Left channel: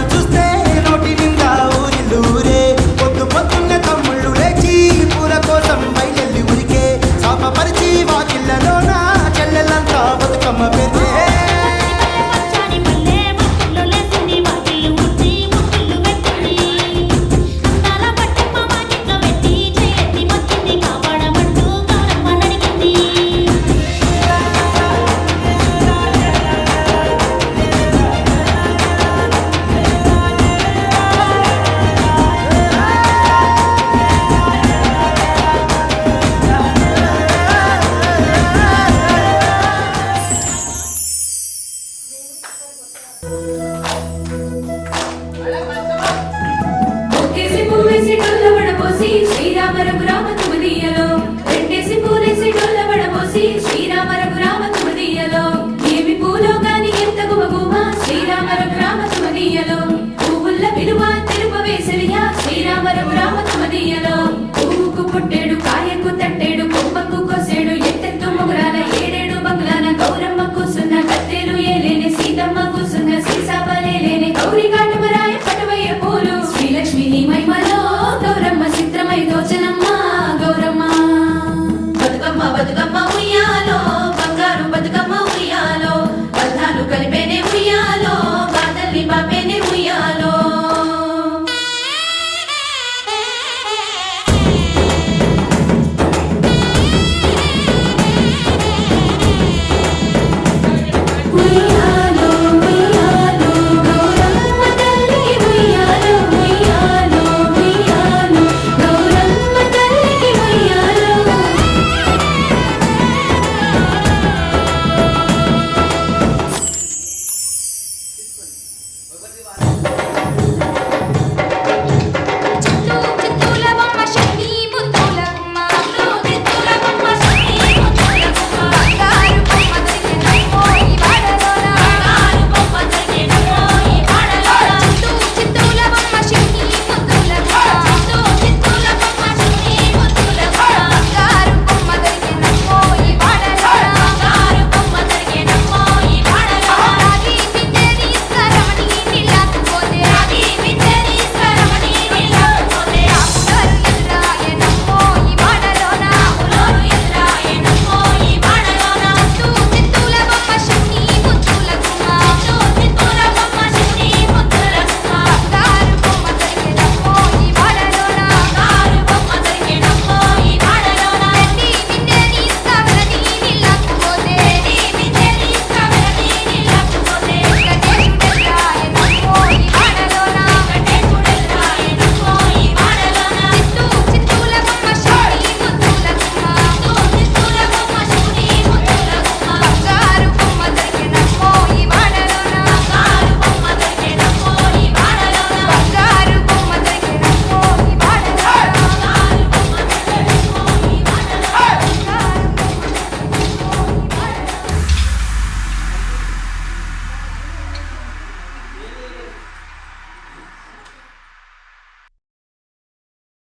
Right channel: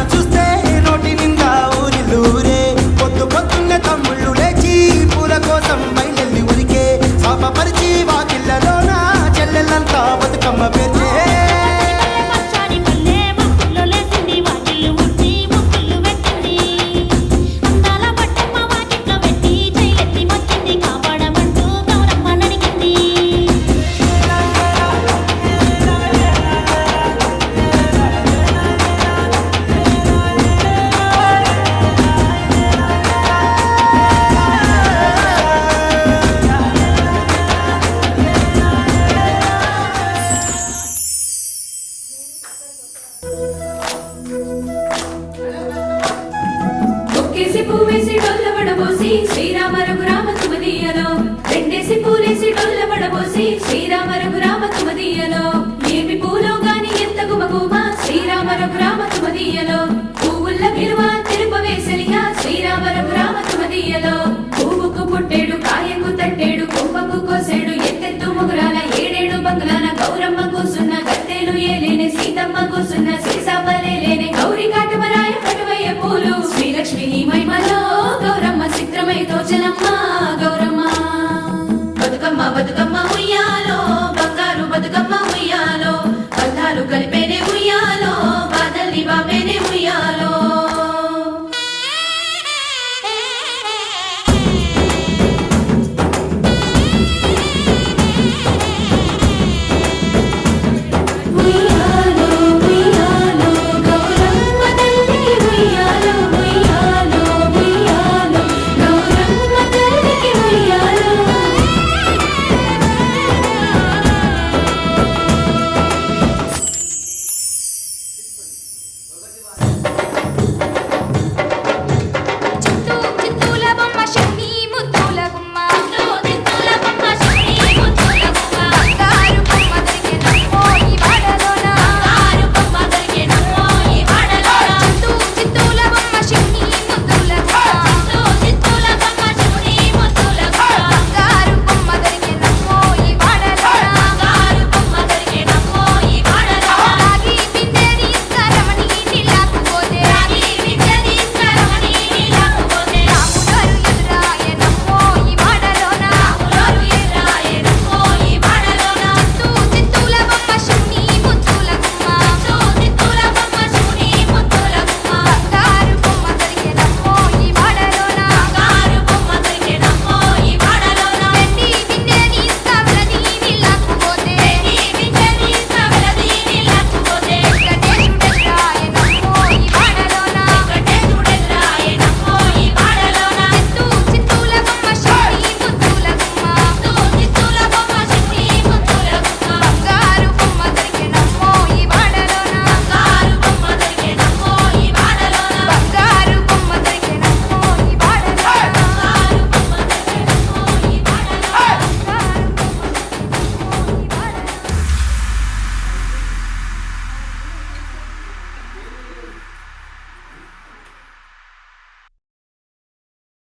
తమ్ముళ్ళు చూస్తే నోటి నిండా ఊరిల్లూరే పొద్దు పొద్దున్నే తమ్ముళ్ళు లేచి పూల కోసం బయలెల్లి ఉరికే శాపపరిచి వాకిళ్ళలోన చెల్లెళ్ళంతా బతుకమ్మ పేర్చే శ్రీరామ రఘురామ తుమదీయలో రెండేసి పూలేసి డొల్ల పడబోసి శ్రీరామ రఘురామ తుమదీయలో ఏమి పూలో గాని ఎంత గుమగుమ శ్రీరామ రఘురామ తుమదీయలో పువ్వుల్ల విలువ తెలుపవేసలిగా శ్రీరామ రఘురామ తుమదీయలో పువ్వుకు పుట్టేడు కాయకు తట్టేడు కొమ్మకు కోసేడు ఎత్తెత్తు ముగురాల ఏడేడు బంగులాన గౌరమ్మ కూసున్న గత్తెలు ఏలేని సీతమ్మ కూసున్న సీసాపలేని గౌరీ కాటమరాయ పటువయ్య పూలు శ్రీలక్ష్మి నీ మహిమలో గౌరమ్మ చిత్రమై దోచనమ్మ గౌరమ్మ బతుకమ్మ బతుకమ్మ ఉయ్యాలో బంగారు బతుకమ్మ ఉయ్యాలో బంధాలు కలిపేనే ఉయ్యాలో బాధల్ని బాపేనే ఉయ్యాలో